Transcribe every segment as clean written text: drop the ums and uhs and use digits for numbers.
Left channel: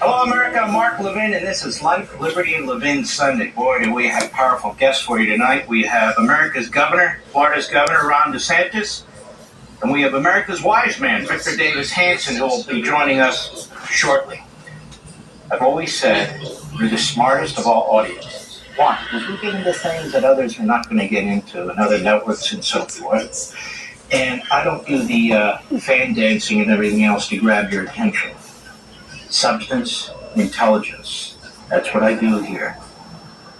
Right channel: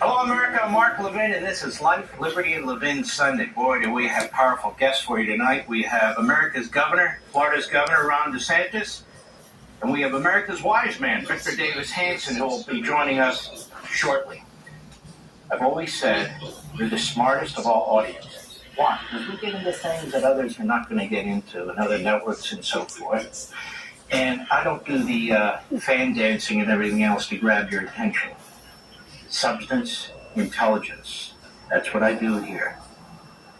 Hello, America. I'm Mark Levin, and this is Life, Liberty, and Levin Sunday. Boy, do we have powerful guests for you tonight. We have America's governor, Florida's Governor, Ron DeSantis, and we have America's wise man, Victor Davis Hanson, who will be joining us shortly. I've always said you're the smartest of all audiences. Why? Because we get into things that others are not going to get into, and other networks and so forth. And I don't do the fan dancing and everything else to grab your attention. Substance, intelligence. That's what I do here.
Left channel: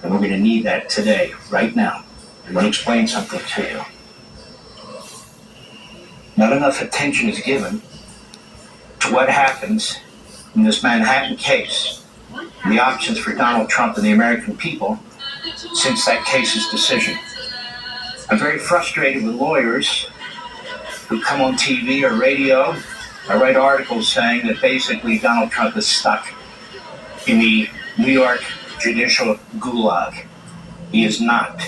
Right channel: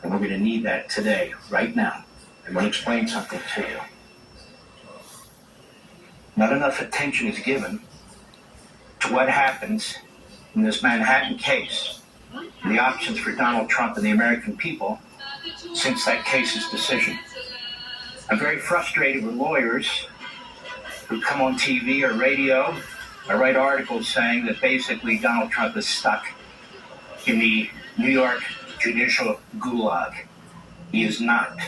And we're going to need that today, right now. I'm going to explain something to you. Not enough attention is given to what happens in this Manhattan case, and the options for Donald Trump and the American people since that case's decision. I'm very frustrated with lawyers who come on TV or radio. I write articles saying that basically Donald Trump is stuck in the New York judicial gulag. He is not.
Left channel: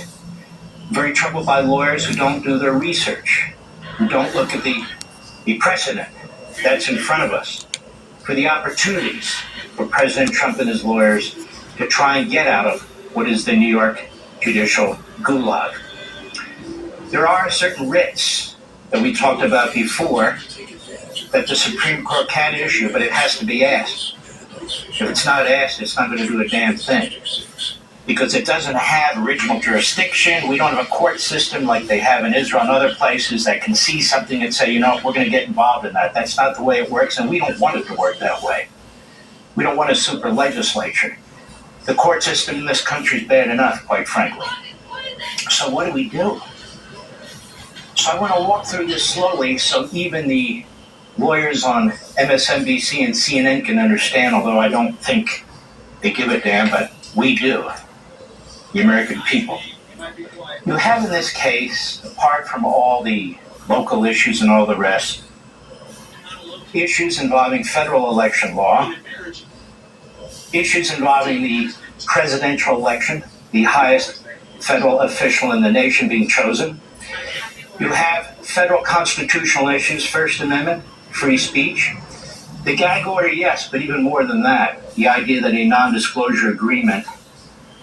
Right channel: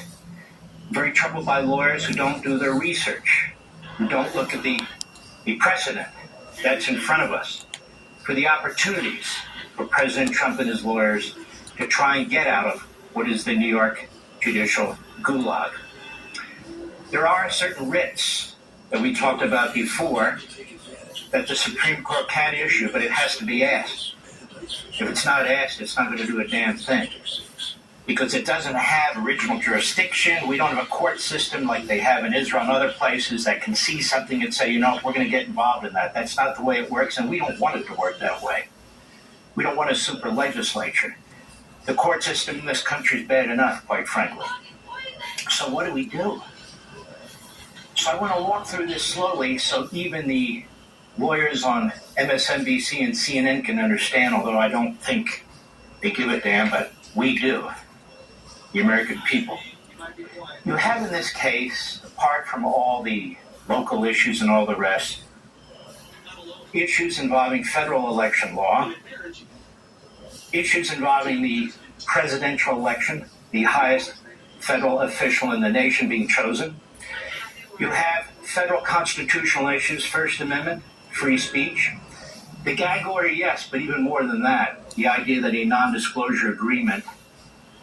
I'm very troubled by lawyers who don't do their research, who don't look at the precedent that's in front of us, for the opportunities for President Trump and his lawyers to try and get out of what is the New York judicial gulag. There are certain writs that we talked about before that the Supreme Court can issue, but it has to be asked. If it's not asked, it's not going to do a damn thing. Because it doesn't have original jurisdiction. We don't have a court system like they have in Israel and other places that can see something and say, you know, we're going to get involved in that. That's not the way it works, and we don't want it to work that way. We don't want a super legislature. The court system in this country is bad enough, quite frankly. So what do we do? So I want to walk through this slowly so even the lawyers on MSNBC and CNN can understand, although I don't think they give a damn, but we do, the American people. You have in this case, apart from all the local issues and all the rest, issues involving federal election law, issues involving the presidential election, the highest federal official in the nation being chosen. You have federal constitutional issues, First Amendment, free speech. The gag order, yes, but even more than that, the idea that a non-disclosure agreement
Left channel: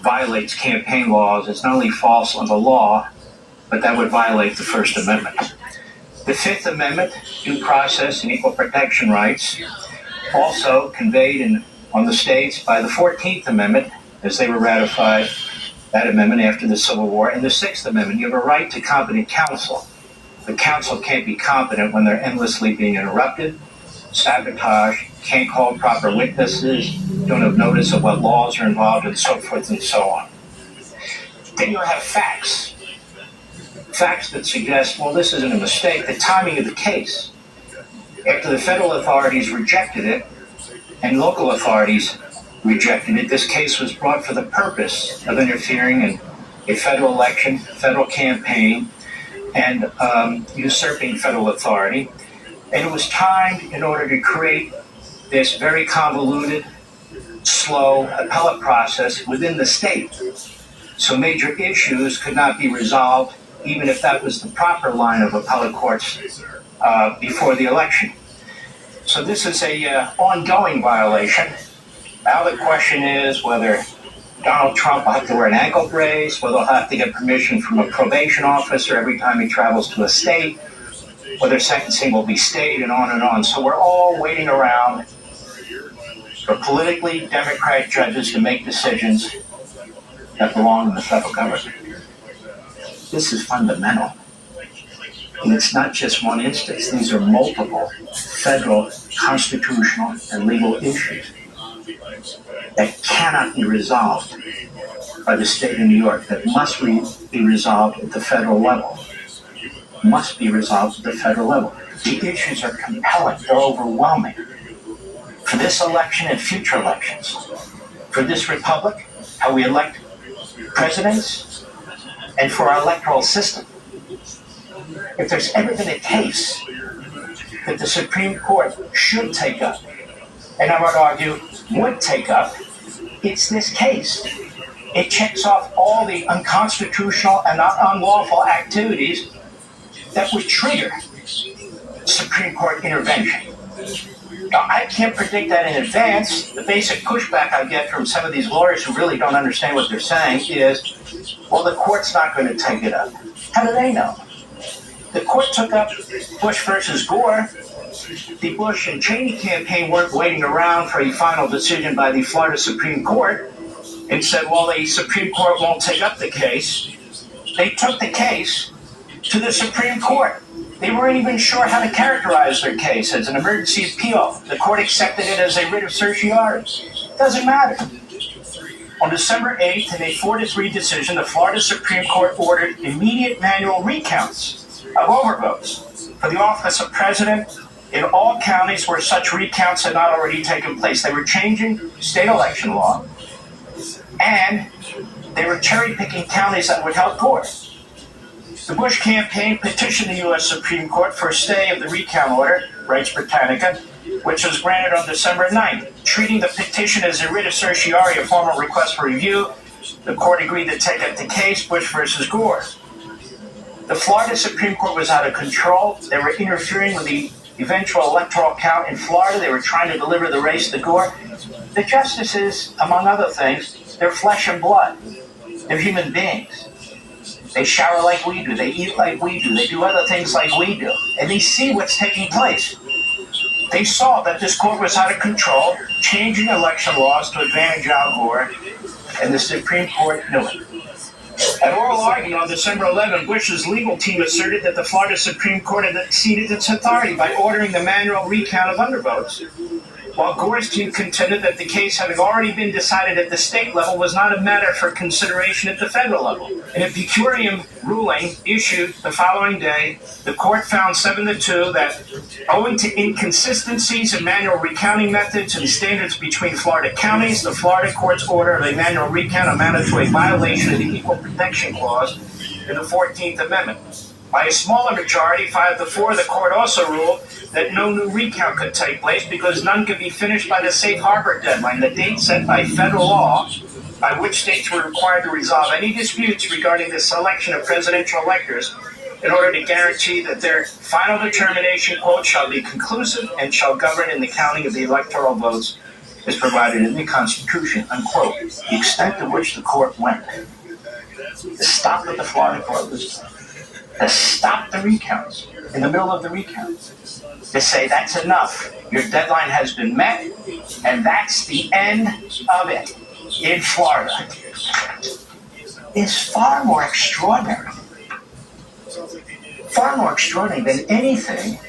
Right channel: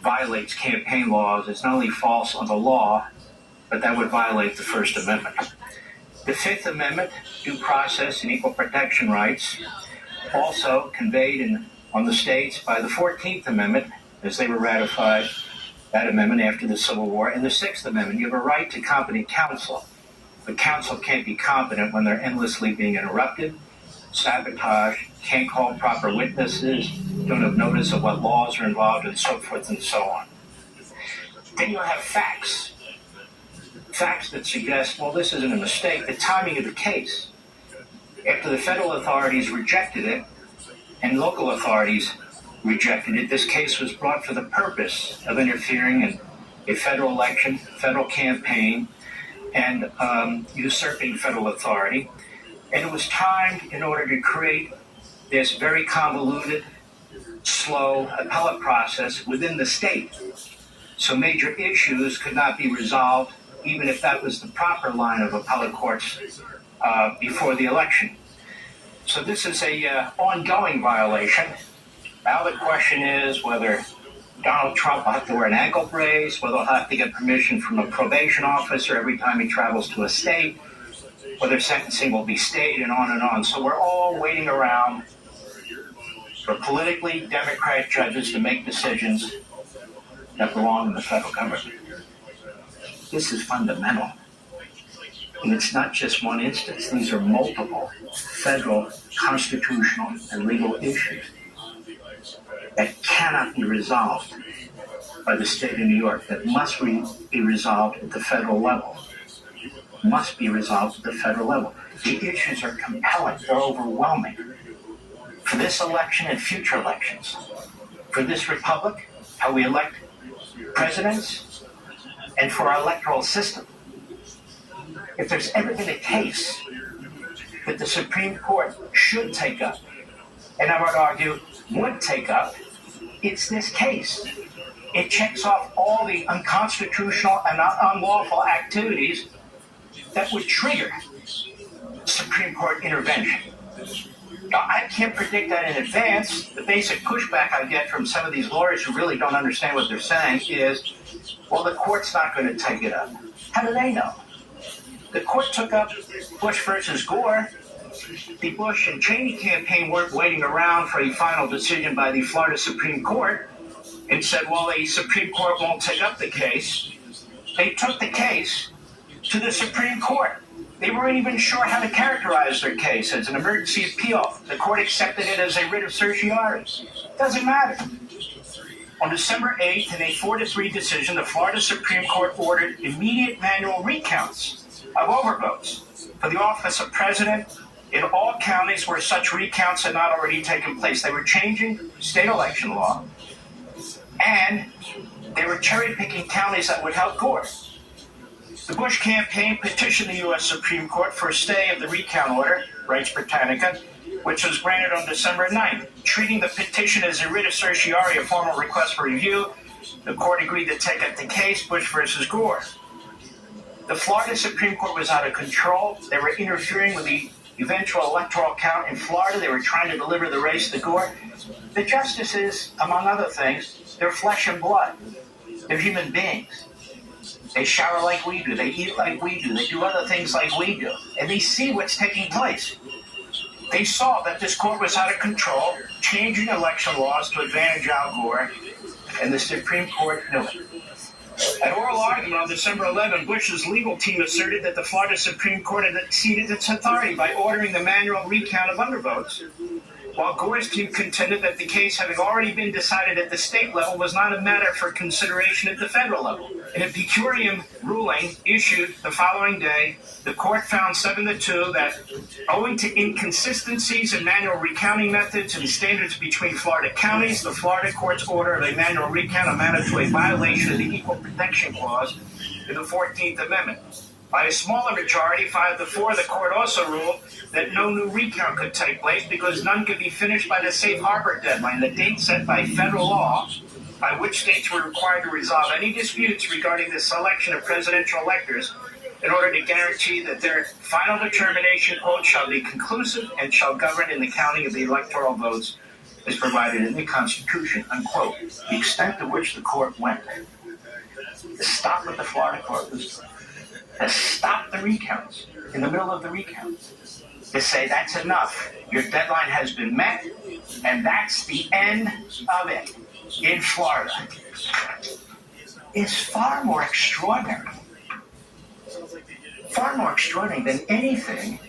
violates campaign laws is not only false on the law, but that would violate the First Amendment. The Fifth Amendment, due process and equal protection rights, also conveyed on the states by the 14th Amendment, as they were ratified, that amendment after the Civil War, and the Sixth Amendment. You have a right to competent counsel. The counsel can't be competent when they're endlessly being interrupted, sabotaged, can't call proper witnesses, don't have notice of what laws are involved, and so forth and so on. Then you have facts. Facts that suggest, well, this isn't a mistake, the timing of the case. After the federal authorities rejected it, and local authorities rejected it, this case was brought for the purpose of interfering in a federal election, federal campaign, and usurping federal authority. And it was timed in order to create this very convoluted, slow appellate process within the state. So major issues could not be resolved, even if that was the proper line of appellate courts before the election. So this is a ongoing violation. Now the question is whether Donald Trump will have to wear an ankle brace, whether he'll have to get permission from a probation officer every time he travels to a state, whether sentencing will be stayed, and on and on. So we're all waiting around for politically Democrat judges to make decisions that belong in the federal government. This is fundamental. And it's not just one instance. These are multiple federal, constitutional, and legal issues that cannot be resolved by the state of New York, that must be resolved at the federal level. Must be resolved at the federal level. The issues are compelling. They're overwhelming. For this election and future elections, for this republic, how we elect presidents, and for our electoral system. If there's ever been a case that the Supreme Court should take up, and I would argue would take up, it's this case. It checks off all the unconstitutional and unlawful activities that would trigger Supreme Court intervention. Now, I can't predict that in advance. The basic pushback I get from some of these lawyers who really don't understand what they're saying is, well, the court's not going to take it up. How do they know? The court took up Bush versus Gore. The Bush and Cheney campaign weren't waiting around for a final decision by the Florida Supreme Court and said, well, the Supreme Court won't take up the case. They took the case to the Supreme Court. They weren't even sure how to characterize their case as an emergency appeal. The court accepted it as a writ of certiorari. Doesn't matter. On December 8th, in a 4-3 decision, the Florida Supreme Court ordered immediate manual recounts of overvotes for the office of president in all counties where such recounts had not already taken place. They were changing state election law, and they were cherry-picking counties that would help Gore. The Bush campaign petitioned the U.S. Supreme Court for a stay of the recount order, Res Britannica, which was granted on December 9th. Treating the petition as a writ of certiorari, a formal request for review, the court agreed to take up the case, Bush versus Gore. The Florida Supreme Court was out of control. They were interfering with the eventual electoral count in Florida. They were trying to deliver the race to Gore. The justices, among other things, they're flesh and blood. They're human beings. They shower like we do. They eat like we do. They do other things like we do. And they see what's taking place. They saw that this court was out of control, changing election laws to advantage Al Gore, and the Supreme Court knew it. At oral argument on December 11, Bush's legal team asserted that the Florida Supreme Court had exceeded its authority by ordering the manual recount of undervotes, while Gore's team contended that the case, having already been decided at the state level, was not a matter for consideration at the federal level. In a per curiam ruling issued the following day, the court found 7-2 that, owing to inconsistencies in manual recounting methods and standards between Florida counties, the Florida court's order of a manual recount amounted to a violation of the Equal Protection Clause in the 14th Amendment. By a smaller majority, 5-4, the court also ruled that no new recount could take place because none could be finished by the safe harbor deadline, the date set by federal law by which states were required to resolve any disputes regarding the selection of presidential electors in order to guarantee that their final determination, quote, shall be conclusive and shall govern in the counting of the electoral votes as provided in the Constitution, unquote. The extent to which the court went to stop what the Florida court was to stop the recounts in the middle of the recounts, to say that's enough, your deadline has been met, and that's the end of it in Florida, is far more extraordinary than anything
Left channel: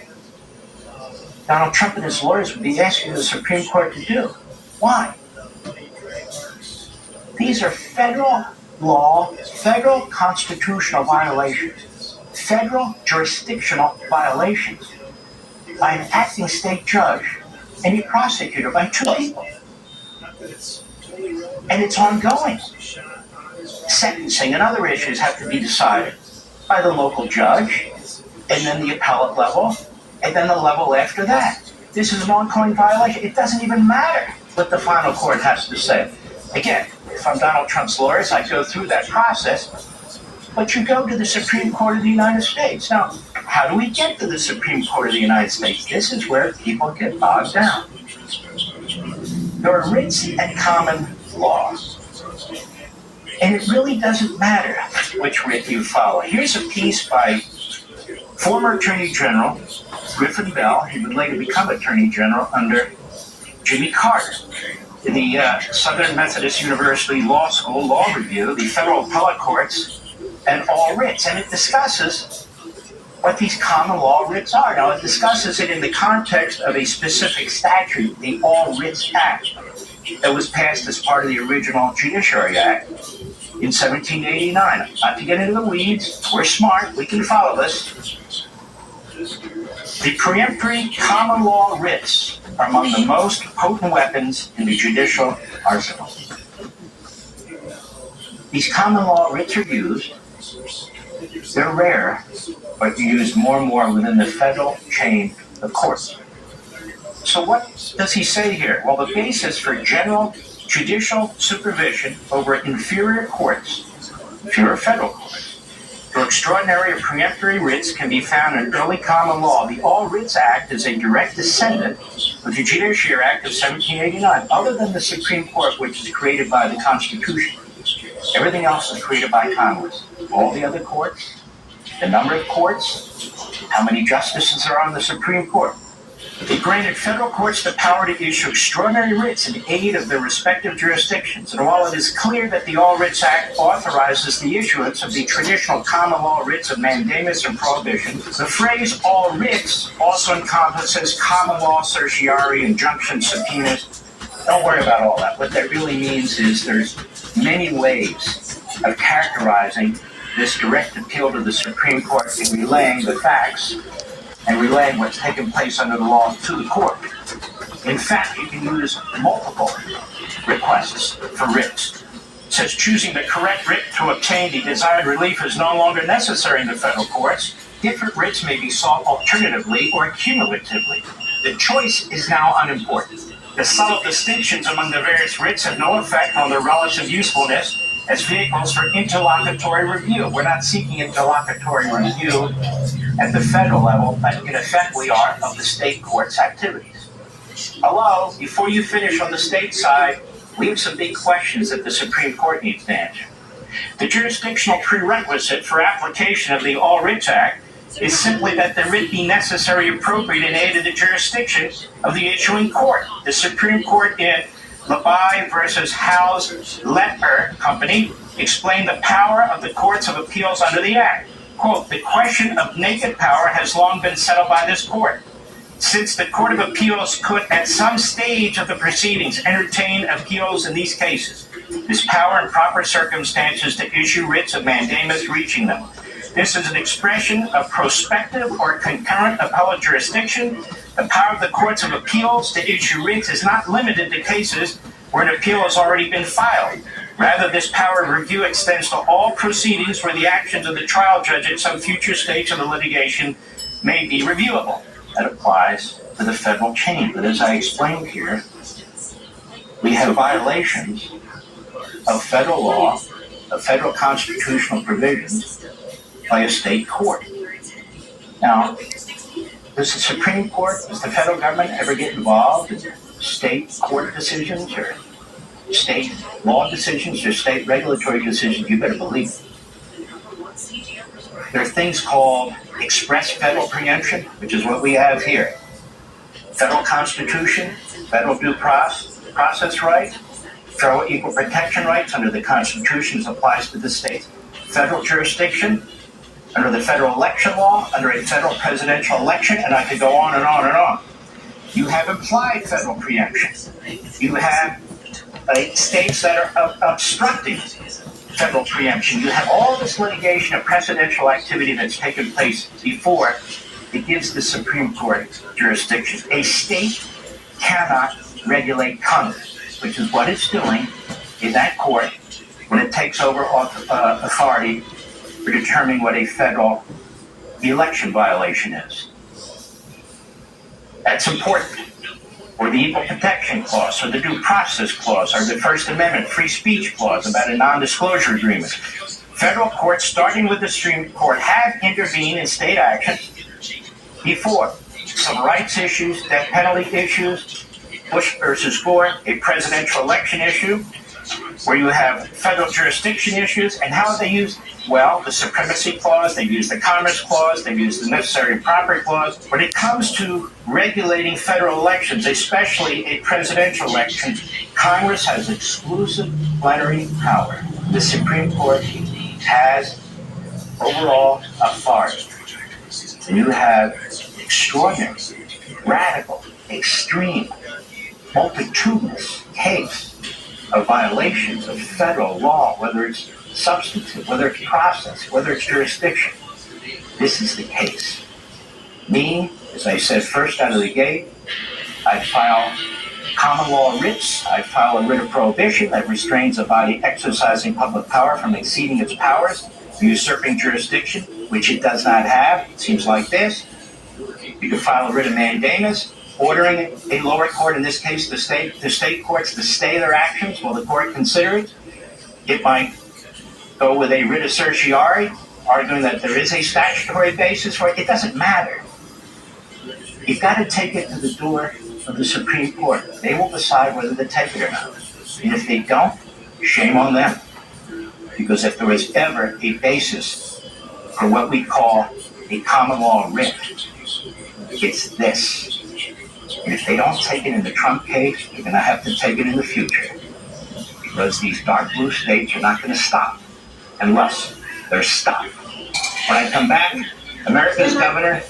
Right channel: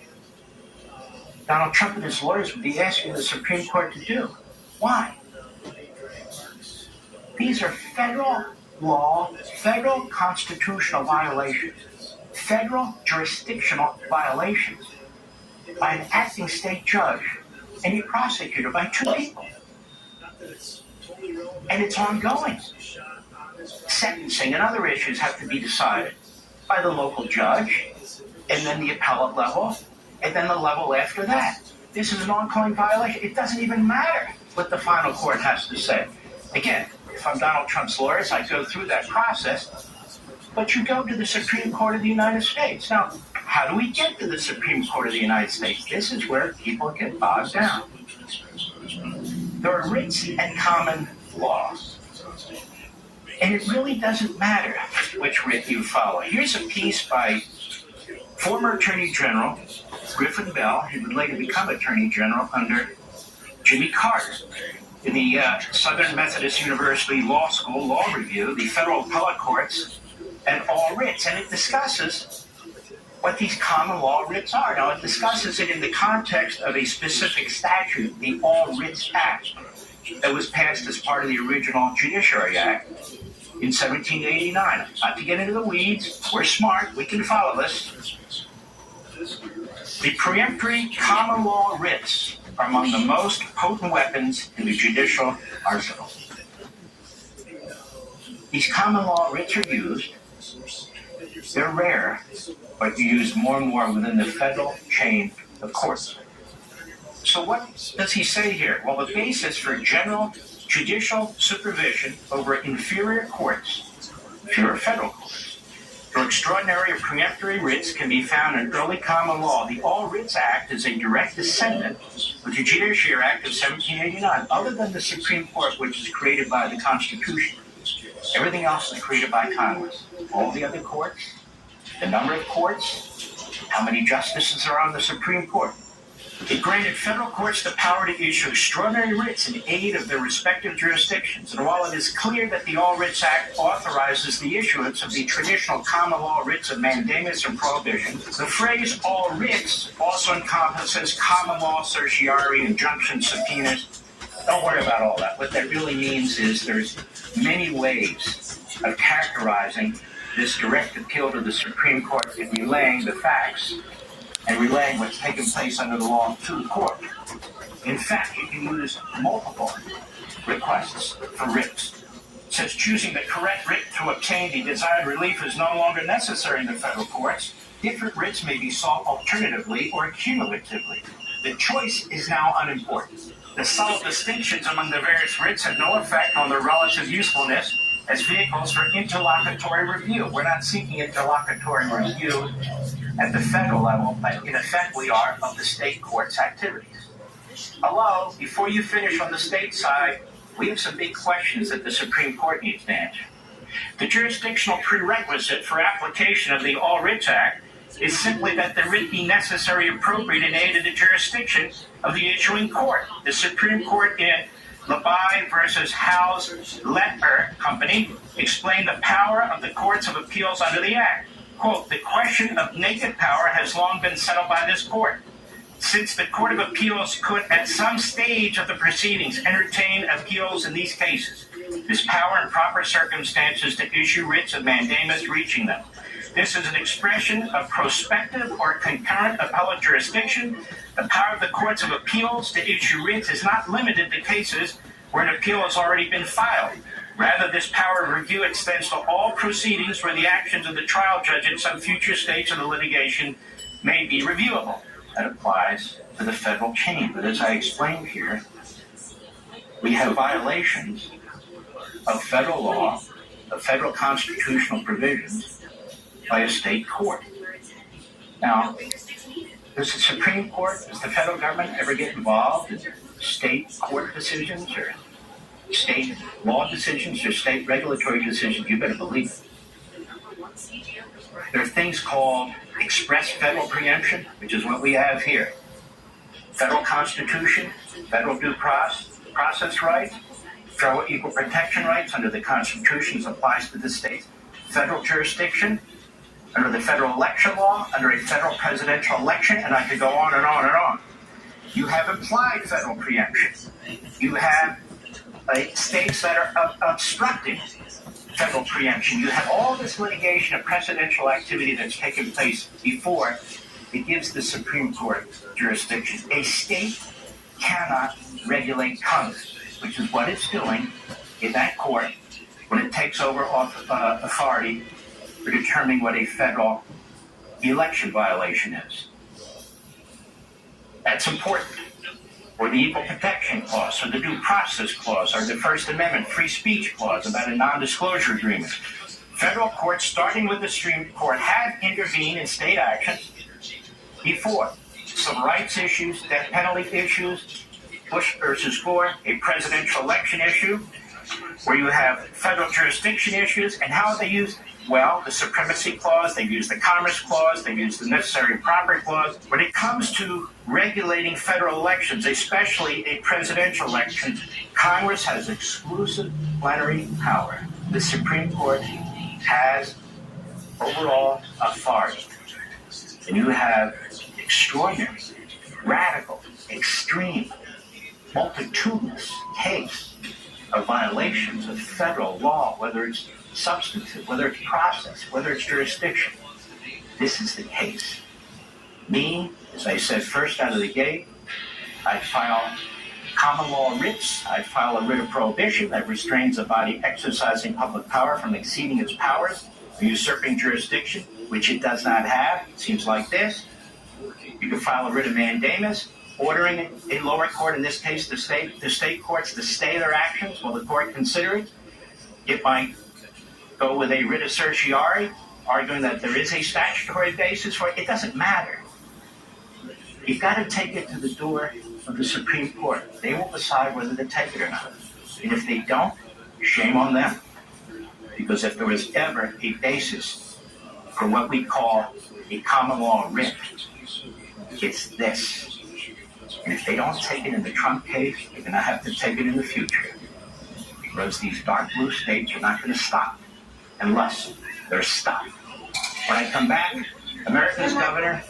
Donald Trump and his lawyers would be asking the Supreme Court to do. Why? These are federal law, federal constitutional violations, federal jurisdictional violations by an acting state judge and a prosecutor, by two people. And it's ongoing. Sentencing and other issues have to be decided by the local judge, and then the appellate level, and then the level after that. This is an ongoing violation. It doesn't even matter what the final court has to say. Again, if I'm Donald Trump's lawyers, I go through that process, but you go to the Supreme Court of the United States. Now, how do we get to the Supreme Court of the United States? This is where people get bogged down. There are writs and common law. And it really doesn't matter which writ you follow. Here's a piece by former Attorney General Griffin Bell. He would later become Attorney General under Jimmy Carter. In the Southern Methodist University Law School Law Review, the federal appellate courts and all writs. And it discusses what these common law writs are. Now, it discusses it in the context of a specific statute, the All Writs Act, that was passed as part of the original Judiciary Act in 1789. Not to get into the weeds, we're smart, we can follow this. The peremptory common law writs are among the most potent weapons in the judicial arsenal. These common law writs are used. They're rare, but they're used more and more within the federal chain the courts. So what does he say here? Well, the basis for general judicial supervision over inferior courts, inferior federal courts, for extraordinary or preemptory writs can be found in early common law. The All Writs Act is a direct descendant of the Judiciary Act of 1789, other than the Supreme Court, which is created by the Constitution. Everything else is created by Congress. All the other courts, the number of courts, how many justices are on the Supreme Court. It granted federal courts the power to issue extraordinary writs in aid of their respective jurisdictions. And while it is clear that the All Writs Act authorizes the issuance of the traditional common law writs of mandamus and prohibition, the phrase all writs also encompasses common law certiorari, injunctions, subpoenas. Don't worry about all that. What that really means is there's many ways of characterizing this direct appeal to the Supreme Court and relaying the facts and relaying what's taken place under the law to the court. In fact, you can use multiple requests for writs. Since choosing the correct writ to obtain the desired relief is no longer necessary in the federal courts, different writs may be sought alternatively or cumulatively. The choice is now unimportant. The subtle distinctions among the various writs have no effect on their relative usefulness as vehicles for interlocutory review. We're not seeking interlocutory review at the federal level, but in effect we are, of the state court's activities. Hello, before you finish on the state side, we have some big questions that the Supreme Court needs to answer. The jurisdictional prerequisite for application of the All Writs Act is simply that the writ be necessary and appropriate in aid of the jurisdiction of the issuing court. The Supreme Court in Levin versus Howe's Letter Company explained the power of the courts of appeals under the Act. Quote, the question of naked power has long been settled by this court. Since the Court of Appeals could at some stage of the proceedings entertain appeals in these cases, this power in proper circumstances to issue writs of mandamus reaching them. This is an expression of prospective or concurrent appellate jurisdiction. The power of the courts of appeals to issue writs is not limited to cases where an appeal has already been filed. Rather, this power of review extends to all proceedings where the actions of the trial judge at some future stage of the litigation may be reviewable. That applies to the federal chain. But as I explained here, we have violations of federal law, of federal constitutional provisions by a state court. Now, does the Supreme Court, does the federal government ever get involved in state court decisions or state law decisions or state regulatory decisions? You better believe it. There are things called express federal preemption, which is what we have here. Federal Constitution, federal due process rights, federal equal protection rights under the Constitution applies to the states. Federal jurisdiction under the federal election law, under a federal presidential election, and I could go on and on and on. You have implied federal preemption. You have states that are obstructing federal preemption. You have all this litigation and precedential activity that's taken place before it gives the Supreme Court jurisdiction. A state cannot regulate Congress, which is what it's doing in that court when it takes over authority for determining what a federal election violation is. That's important. Or the Equal Protection Clause, or the Due Process Clause, or the First Amendment Free Speech Clause about a non-disclosure agreement. Federal courts, starting with the Supreme Court, have intervened in state action before. Civil rights issues, death penalty issues, Bush versus Gore, a presidential election issue, where you have federal jurisdiction issues, and how are they used? Well, the Supremacy Clause, they've used the Commerce Clause, they've used the Necessary and Proper Clause. When it comes to regulating federal elections, especially a presidential election, Congress has exclusive plenary power. The Supreme Court has overall authority. And you have extraordinary, radical, extreme, multitudinous case of violations of federal law, whether it's substantive, whether it's process, whether it's jurisdiction. This is the case. Me, as I said first out of the gate, I file common law writs. I file a writ of prohibition that restrains a body exercising public power from exceeding its powers, usurping jurisdiction, which it does not have. It seems like this. You can file a writ of mandamus, ordering a lower court, in this case the state courts, to stay their actions while the court consider it. It might go with a writ of certiorari, arguing that there is a statutory basis for it. It doesn't matter. You've got to take it to the door of the Supreme Court. They will decide whether to take it or not. And if they don't, shame on them. Because if there was ever a basis for what we call a common law writ, it's this. And if they don't take it in the Trump case, they're going to have to take it in the future. Because these dark blue states are not going to stop unless they're stopped. When I come back, America's governor